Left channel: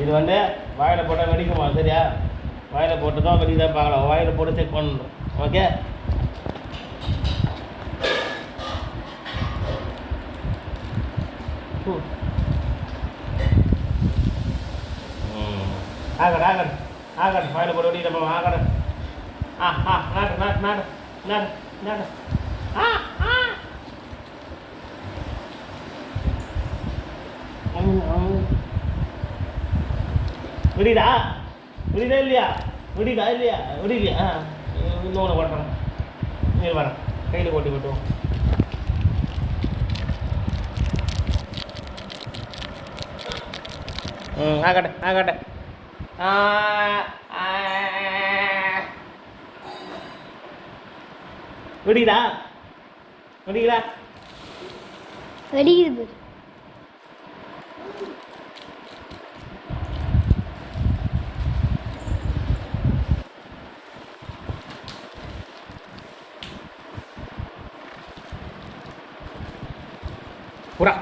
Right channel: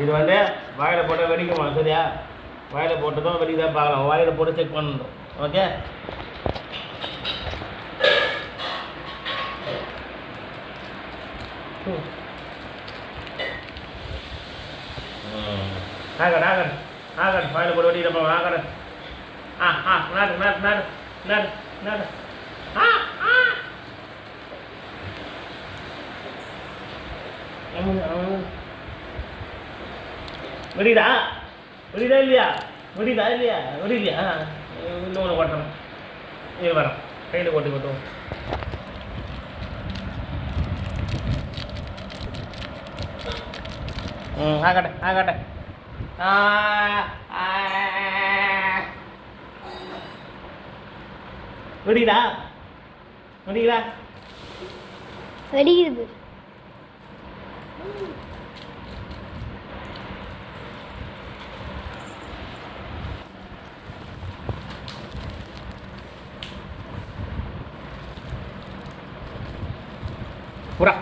இது வந்து வாயில் போட்டால் வெடிக்குமா? சரியா? வாயில் போட்டு தான் வெடிக்கிறதா பார்க்கலாம். வாயில் போட்டு செக் பண்ணணும். ஓகே. ஆகட் ஆகட் ஆகட் வாயில் போட்டு வெடிக்கிறப்ப ஆகட். நாடு நாடு நாடு நாடு நாடு. வெடிடா வெடிடா இல்லையா? வெடிடா இல்லையா? வெடிலையா? இன்னொன்று போட்டுறேன். இங்கே வரேன். கையில் போட்டு கொட்டுவோம். ஆகட்டே ஆகட்டே. வெடிடா வெடிடா வெடிக்குது. பூரா